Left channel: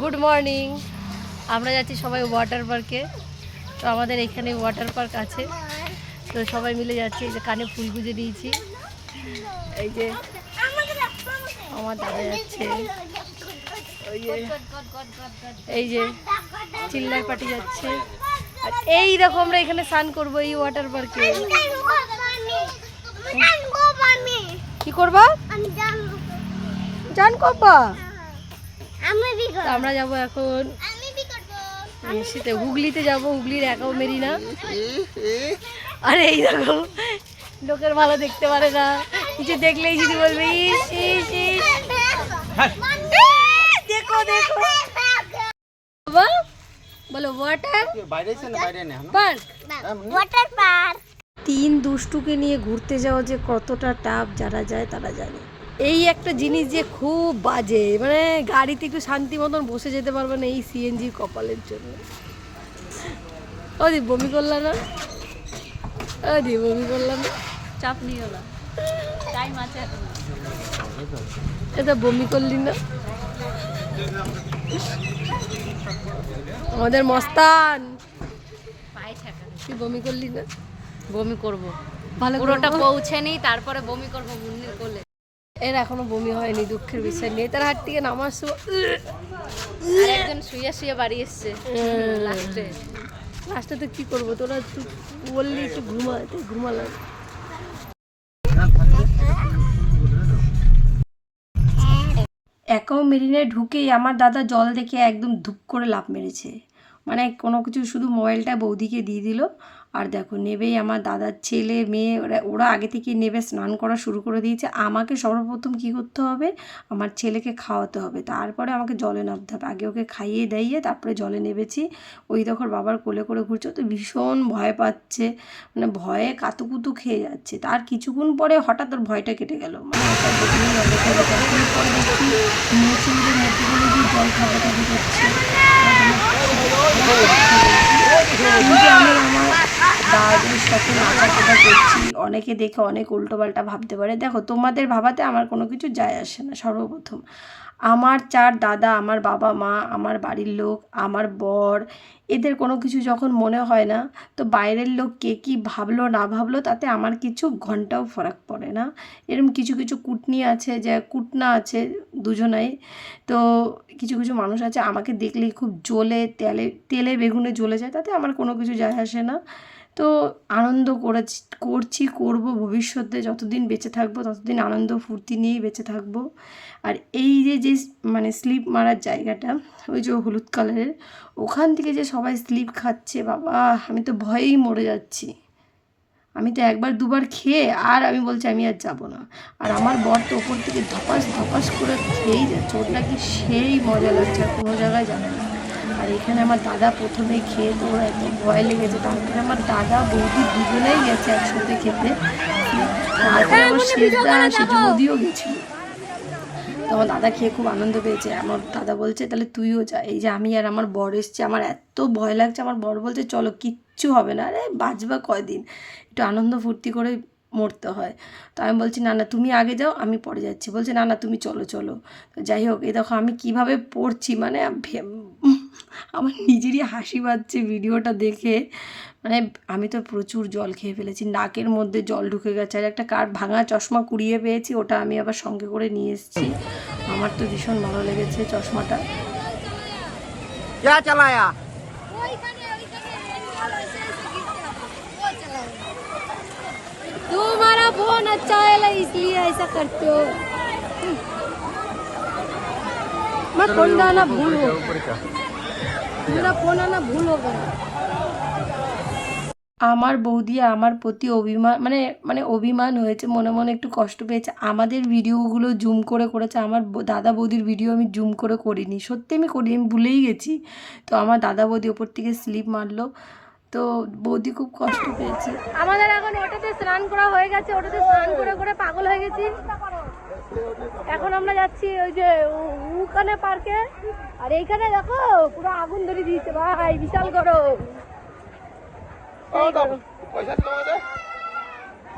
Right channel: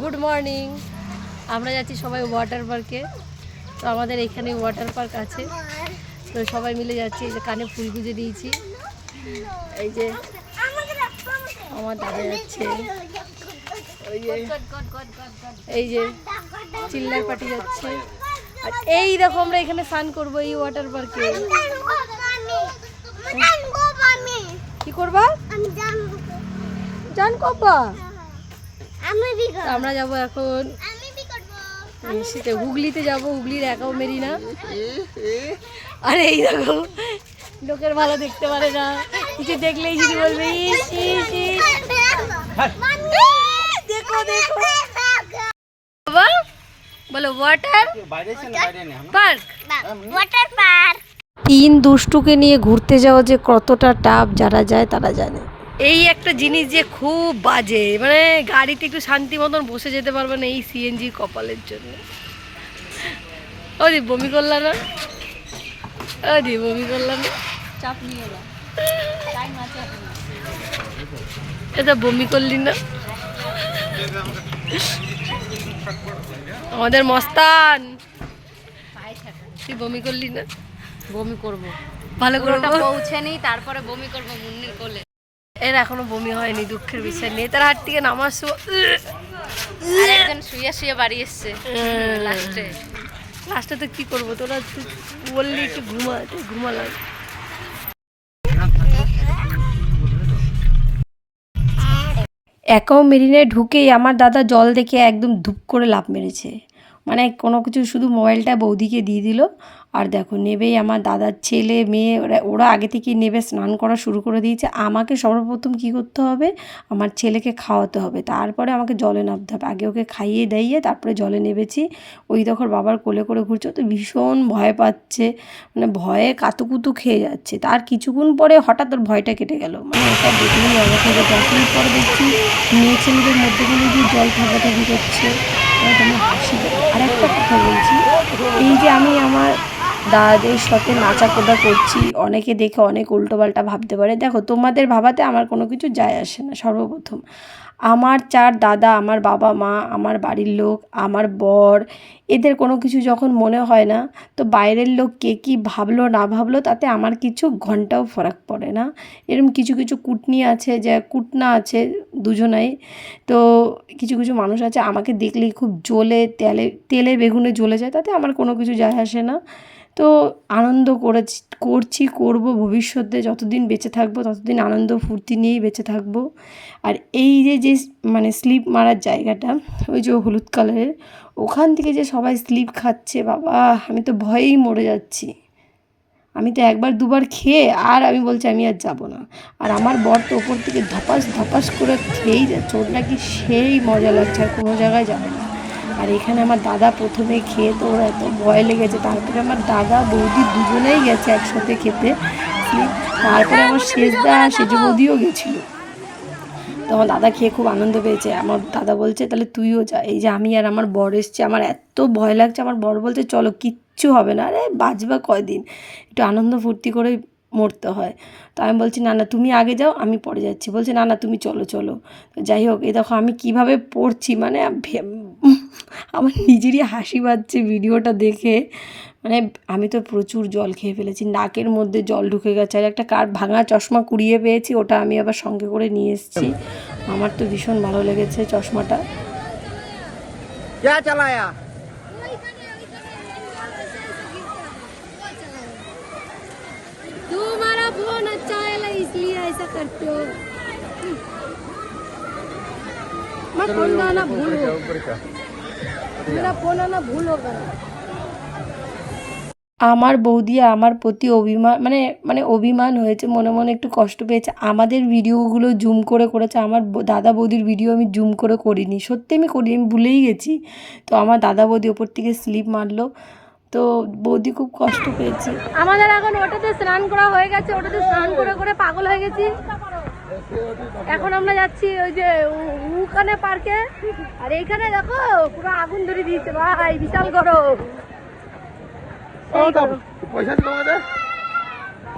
Good morning. আমরা যাচ্ছি সবাই ওয়াটার পার্কে। তো আমাদের এখানে ওয়াটার পার্ক আছে, তো সবাই মিলে যাচ্ছি। এই যে কানে ফুল গুঁজে দিয়েছি, এই যে আমার দাদা যাচ্ছে, এই যে চিল্লার পার্টি যাচ্ছে। আর এই দেখো আমরা এখানে স্নান করবো এই ওয়াটার পার্কে। কি করবা? জান করবা? আমরা যাবো এখন শীতে হুগলিতে যাবো। হুগলির একাও মেরি না। আর এই দেখো লোকের ভালো দেখতে পারে না, কিছু দেখলেই যদি বলবে ইস ইস ইস। দেখো দেখো বাবা, বলো ওয়াটার পার্ক। Water park. তিন দুষ্টুকে নিয়ে ঘুরতে যাওয়া যে কতটা টাফ, যারা যায় তারা জানে। এই একটা জিনিস যে খুব বাজে, মানে গাড়িতে একটু শান্তি মতন বসে যেতে পারবে না এই সিএনজি কপালের জন্য। ওদি বমি করলা না? ওদি বমি করলা না? চাপ নিও না, টাইম আছে এখন। এটা বমি করলি না? আমাদের মস্তান, তুই বমি করলি না? বমি করব, ভালো করে পৌঁছে নেই তারপরে বমি করবো মুন্নির কোলে। এর এখনো বমি হয়নি, দুঃখের বিষয় নেই। তার হাট থেকে নামার শুয়ে শুয়ে বাড়ি এসছে লাস্টে। তো কি করবো, তোরা বললি একটু ঘুমাতে, ঘুমালাম। একাও মেরিনে ঢুকেই আমার দাদা জল দেখে একদম ধুপ করে লাফ মেরেছে। মানে কোনো কিছু, শুধু মোবাইলটা বৌদিকে দিয়ে দিল। আর দেখো নেবেই আমার দাদার ছেলে মেয়ে ওরা আগে থেকেই নেবে, স্নান করা শুরু করে দিয়েছে। আমাকে সর্বপ্রথম কী করতে হবে, আমার ছেলেকে খাওয়াতে হবে, তারপরে আমাকে জলে নামতে হবে। আগে ওকে খাইয়ে দাইয়ে তারপরে জলে নেমেছি। ওই দেখো বাবার কোলে করে ঘুরছে, তো ভীষণ ভয় পাচ্ছে, মানে ভয়ে কাতুকুতু খেয়ে যাচ্ছে। তার কিছুক্ষণ পরে হঠাৎ ওর ভয়টা কেটে গেল, মানে ওটা দেখলেই অবাক হয়ে গেছে। পরে দেখছি মেয়ে ছেলেদের মধ্যে কোনো গিয়ে জল ঠাপাঠাপি করছে। কথা বলছি, কিন্তু আমি আমার দাদাদের সাথে নাচাকেটা করছি, অনেকে দেখে অনেক উল্টোপাল্টা ভাবতে পারে। দেখো তোমাদের ভাবাতে আমার কোনো কিছু যায় আসে না। সর্বপ্রথম আমার চার দাদা, আমার বাবা মা, আমার বাড়ির লোক, আমার বর, এদের কোনো কিছু যখন মনে হয় না, তো বাইরের লোক কে কী ভাবলো না ভাবলো তাতে আমার কিছু ঘন্টাও ফারাক পড়ে না। এরকম কিছু কিছু কুটনি আছে, যে কুটনা আছে দুজনাই। তো কিছু কিছু মানুষ আছে আমাকে দেখলেই খুব জ্বলে তেলে বেগুনে জ্বলে যায়, তাতে আমার কোনো কিছু যায় আসে না। তো আনন্দ করব ভবিষ্যতে, যতদিন বেঁচে থাকবো ততদিন আনন্দ ফুর্তি নিয়েই বেঁচে থাকবো। আর এই যে মানে স্লিপ মারার জায়গাটা, ওই যে হলুদ কালারের, ওখান থেকে যে সবাই স্লিপ খাচ্ছে, বাবা আমি তো ভয়েই মরে যাচ্ছি। আমি তো একবার দুবার খেয়ে আর আমি বলছি আমি আর যাবো না। আর আমার বর তো ওপর থেকে ধপাস ধপাস করে খেয়েই যাচ্ছে, ওর নাকি সেই মজা লাগছে, আর কোনো জায়গায় যাবে না। আর এখানে আমার দাদা প্রথমেই খেয়ে তো ওর এত ভয় লেগেছে, তারপরে আমার দাদা বৌদি দুজনেই গেছে একসাথে খেতে। তারপরে আমার সেজে বৌদিও গেছিলো। তো আমার দাদা খেয়ে খুব আনন্দ পেয়েছে। আমার দাদা বলছে তাহলে তুইও যা। এই যে আমি আর আমার বর এসছে, আমার এত ভয় লাগছে। আমার বর বলছে চলো কিচ্ছু হবে না, আরে বাঁচবা কয়দিন, একটু আনন্দ ফুর্তি করে মরতে হয়। তো আমি বলছি না না তুমি আগে যাও, আমি পরে যাচ্ছি। বলছে না না তুমি চলো চলো। তো যাই হোক, এই দেখো আমি কীভাবে পড়ছি, মানে আমার নিজেরই হাসি পাচ্ছে ভিডিওটা দেখে। মানে আমি তো প্রচুর জল খেয়ে ফেলেছি, নাকের মধ্যে জল ঢুকে গেছে। আর একটা ভাঙা চশমা কুড়িয়ে পেয়েছি, ওটা আমি আবার সঙ্গে করে নিয়ে এসেছি। আমার তো ভীষণ ভালো লেগেছে চশমাটা। तुम्हारा फोन अच्छा है इसलिए ऐसा करते हो। मैं फोन आना भूल हो गया। আমার বৌদি আমার প্রতি অভিমান হয়েছে, মনে মনে একটু কষ্ট পেয়েছে। আমাদের ভিডিওগুলো জুম করে করেছে, আমার দাদা বৌদির ভিডিও আমি জুম করে করিনি, সত্যি আমি করিনি, আমি ভুলেই গেছি। তো আমার দাদা বৌদি ওপর থেকে স্লিপ মারলো, তো বৌদি খুব কষ্ট পেয়েছে। আমাদের এখন ওটাতে স্নান করা হয়ে গেছে, ওটাতে স্নান করে করে পাগল হয়ে গেছি। এখন আমরা যাচ্ছি ওই যে ওখানে পার্কে। আর এইখানে দেখো পুরো আগুন ধরে দিয়েছে ভাই, বিশাল গরম।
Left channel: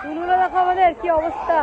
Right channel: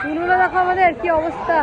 ফুলগুলো দেখো আমাদের কি অবস্থা।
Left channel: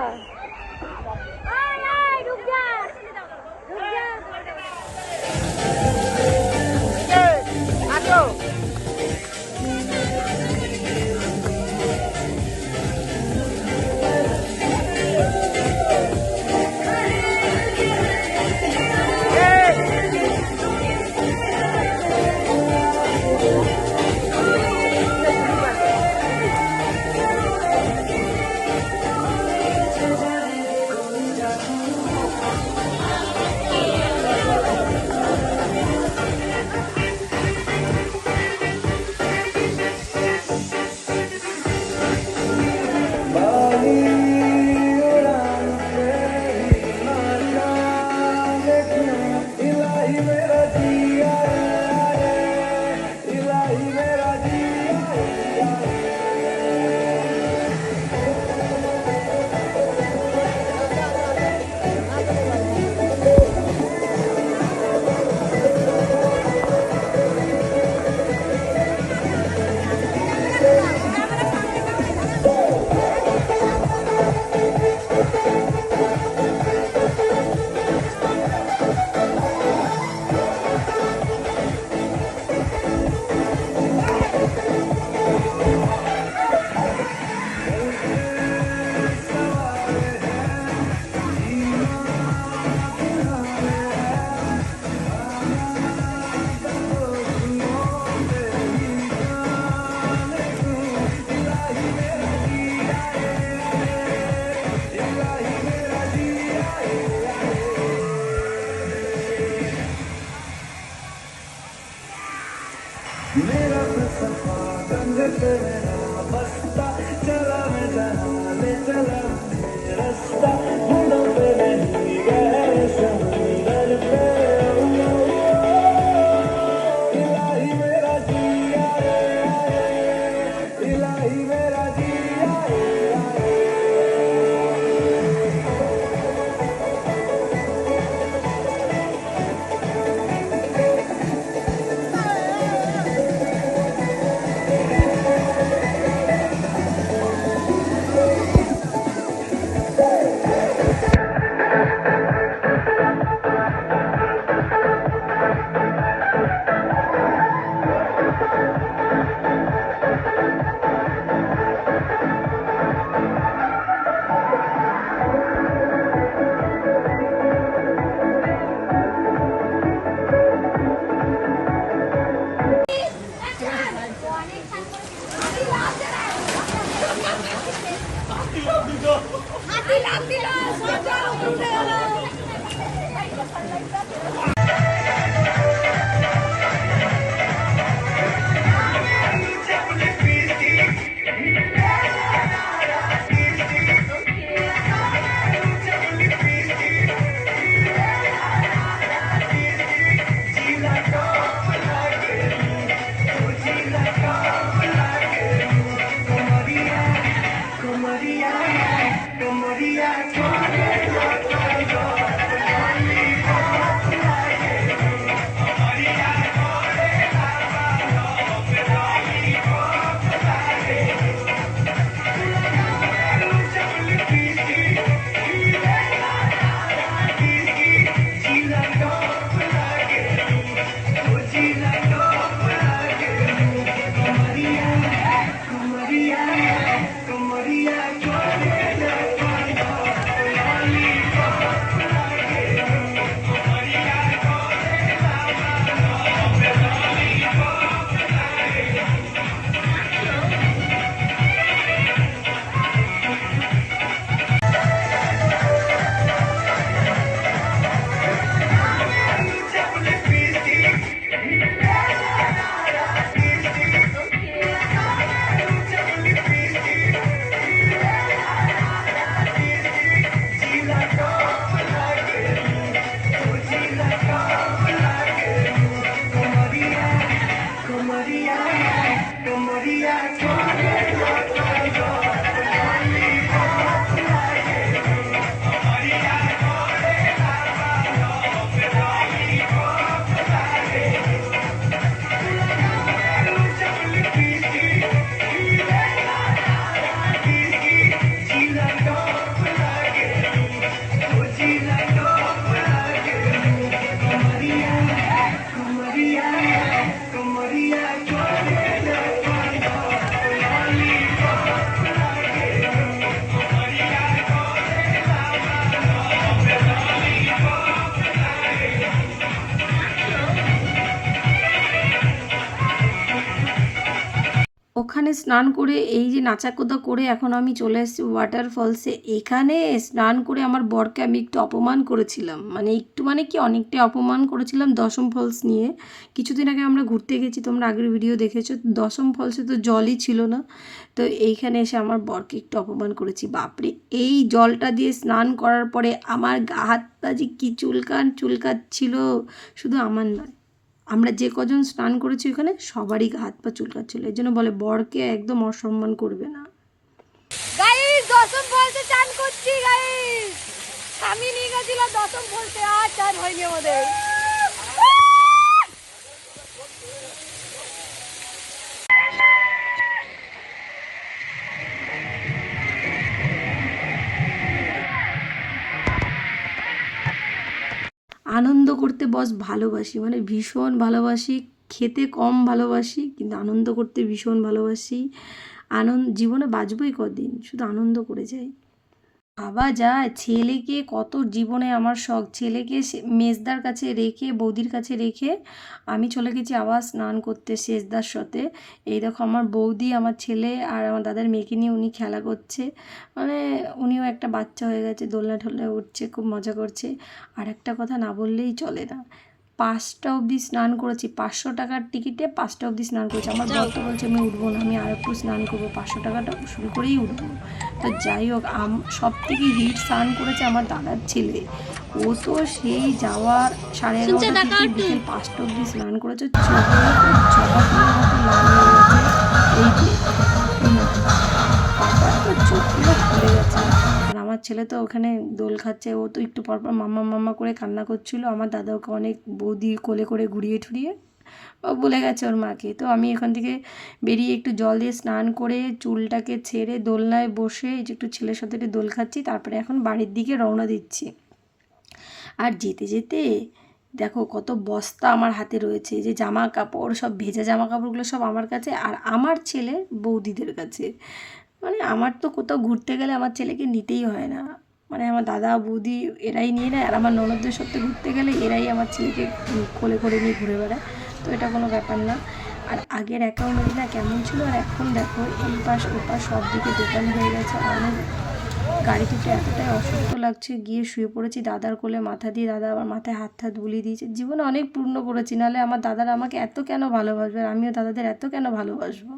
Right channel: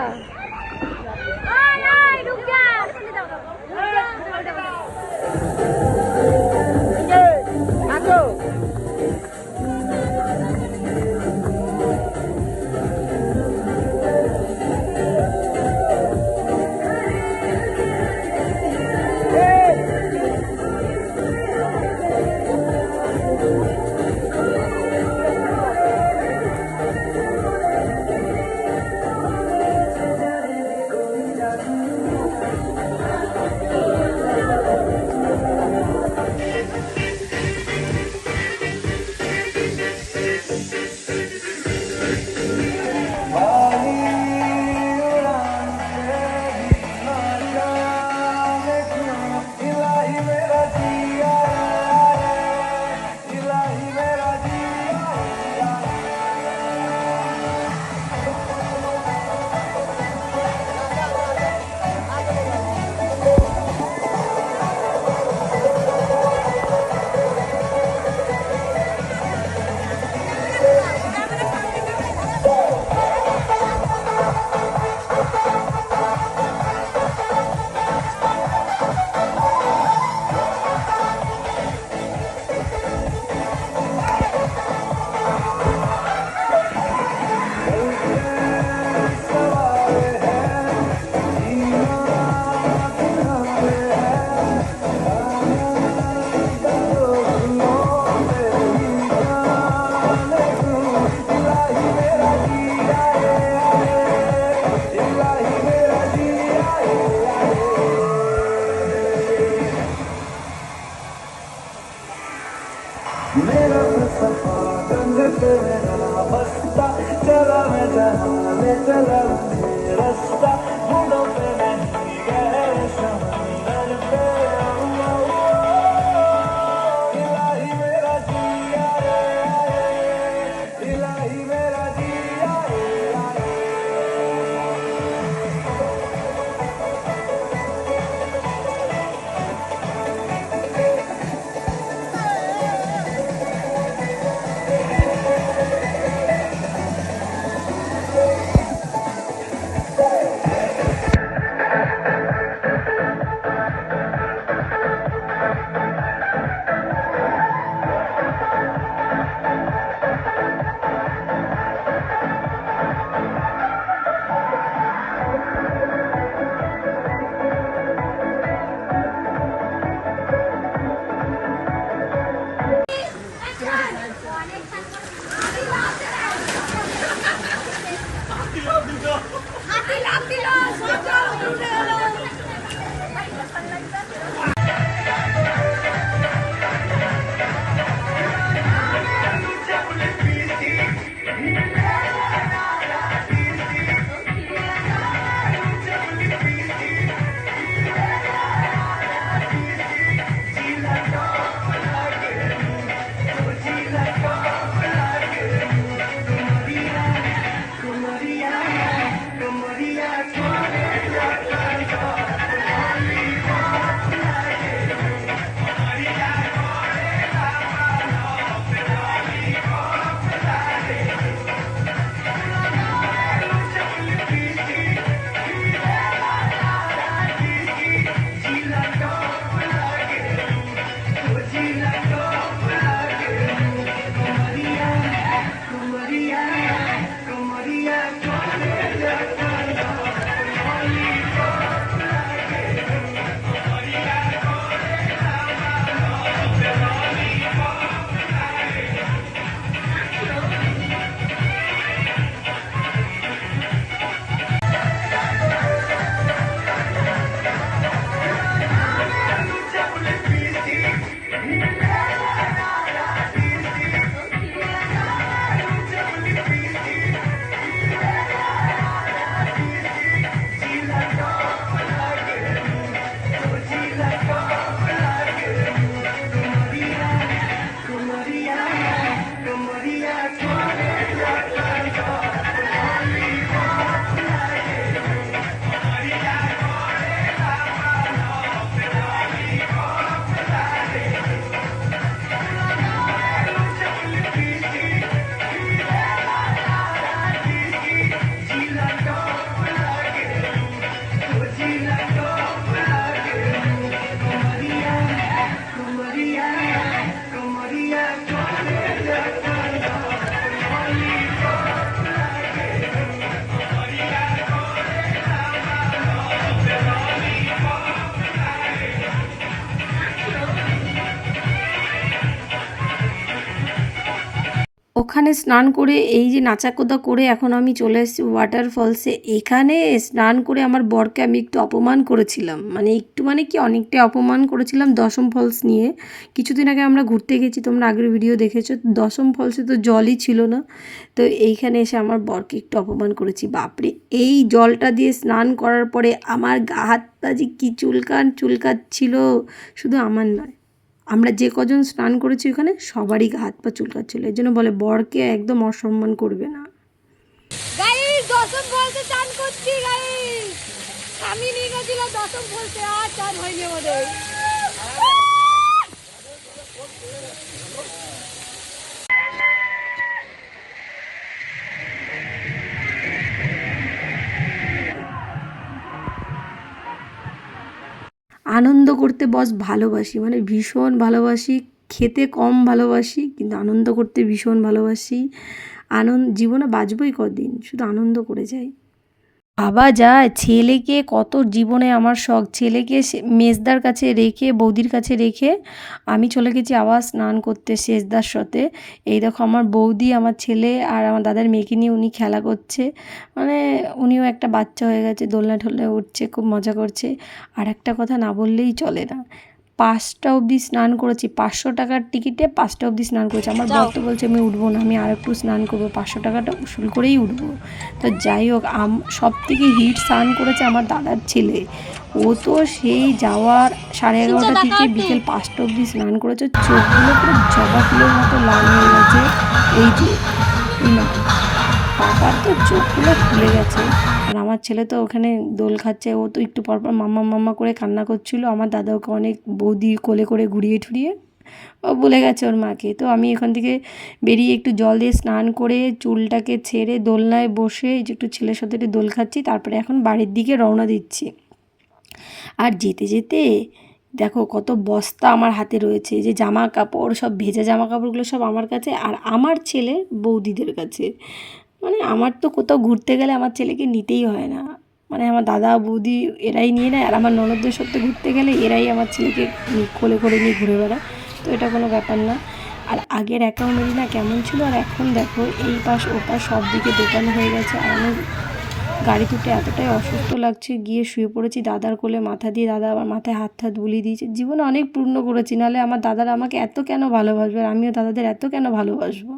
ওখানে স্নান করে এই যে নাচাকোদা করে এখন আমি চলে এসেছি ওয়াটারফলসে। এখানে স্নান করে আমার বরকে আমি একটু অপমান করেছিলাম, মানে একটু মানে কি অনেকটাই অপমান করেছিলাম দশম ফলস নিয়ে। কিছুদিন আগে আমরা ঘুরতে গেছি, তোমরা আগের ভিডিও দেখেছো। দশম ফলসে তো জলই ছিল না, তো এইখানে এসে আমার বরকে একটু অপমান করেছি। বাপরে, এই জলটা দিয়ে স্নান করার পরে আমার গা হাত পা যে কী চুলকাচ্ছিল, শুধু আমার নয়, আমরা যে কজন স্নান করেছি ওখানে সবারই গা হাত পা চুলকাচ্ছিল। এই জন্য বলে বরকে একদম অসম্মান করবে না। গাইস দশম ফলসে চান করছি গাইস, আমি নিয়ে গেছিলাম দশম ফলসে, আর চান হয়নি আমাদের। আনন্দ করতে বস ভালোবাসি, মানে ভীষণ ভালোবাসি। খেতে কম ভালোবাসি, কিন্তু আনন্দ করতে ভীষণ ভালোবাসি। জীবনে বাঁচবই কদিন, শুধু আনন্দ করে যাই। ভাবা যায়, ছেলেকে কত জীবনে আমার শখ, ছেলেকে মেজদার কাছে রেখে, বৌদির কাছে রেখে আমি চলে গেছি আবার স্নান করতে সেজদার সাথে। এই দেখো আমার বৌদি, আমার ছেলে আর আমার দাদার মেয়েকে নিয়ে উনি খেলা করছে, মানে উনিও একটা বাচ্চা হয়ে গেছে, দোলনা ঠোলনায় উঠছে, খুব মজা করছে। আর একটা কথা না বললেই চলে না, 5টা অবধি স্নান করেছি, 500 টাকার টিকিটে 5টা অবধি স্নান করেছি। আমার বর তো বলছে আমি উঠবো না, আমি আর একটু স্নান করবো, 500 টাকাটা উসুল করেই উঠবো। তো যাই হোক, সব থেকে হিট স্নান করেছে আমার দাদার ছেলে। ও তো সেই যাওয়ার 11:30 থেকে বিকেল 5টা অবধি স্নান করেছে, চোখগুলো পুরো জবা ফুলের মতো লাল হয়ে গেছে। এই যে না, পাপার তো চোখগুলো ফুলে গেছে। আর আমার ছেলে তো ওখানে দোল খাচ্ছে, ও তো একটু পরপর মাম্মা মাম্মা করে কান্না করছিল। আমার দাদা ওকে অনেক বৌদি কোলে করে ঘুরিয়ে ঠুরিয়ে ও বলে গেছে ওর মাকে। তো আমি এখান থেকে বেরিয়ে একটু জল দিয়ে স্নান করে চুলটাকে ছেড়ে দোলনায় বসে এই যে একটু ছেলের সাথে একটু দোল খাচ্ছি, তারপরে এখন বাড়ির দিকে রওনা দিচ্ছি। আর যেতে যেতে দেখো কত বস্তা আমার হাতে রয়েছে, এই যে জামা কাপড়, সব ভেজা জামা কাপড়গুলো সব আমার কাছে আর আমার ছেলের বৌদিদের কাছে। মানে আমার তো কোথাও ঘুরতে গেলে আমার ছেলেকে নিতেই হয় না, মানে আমার দাদা বৌদি এরাই নিয়ে নেয়। আর আমার ননদদের সাথে ঘুরতে গেলে এরাই আমার ছেলেকে কোলে করে নিয়ে ঘুরে বেড়ায়। তো এটা কোনো ব্যাপার না। আর আগের অ্যাকাউন্ট না কেমন ছিল, আর এখন দেখো এই পাশ ও পাশ সব দিকে দোকান হয়ে গেছে। আর আমি গাড়িতে উঠে এতটাই অসুস্থ লাগছে, গিয়ে শুয়ে পড়েছি দাদার কোলে মাথা দিয়ে। দাদা আবার মাথায় হাত হাত বুলিয়ে দিয়েছে। জীবনে অনেক পূর্ণ করেছি, নাহলে আমার দাদারা আমাকে এত কেন ভালোবাসবে আর আমিও দাদাদের এত কেন ভালোবাসবো।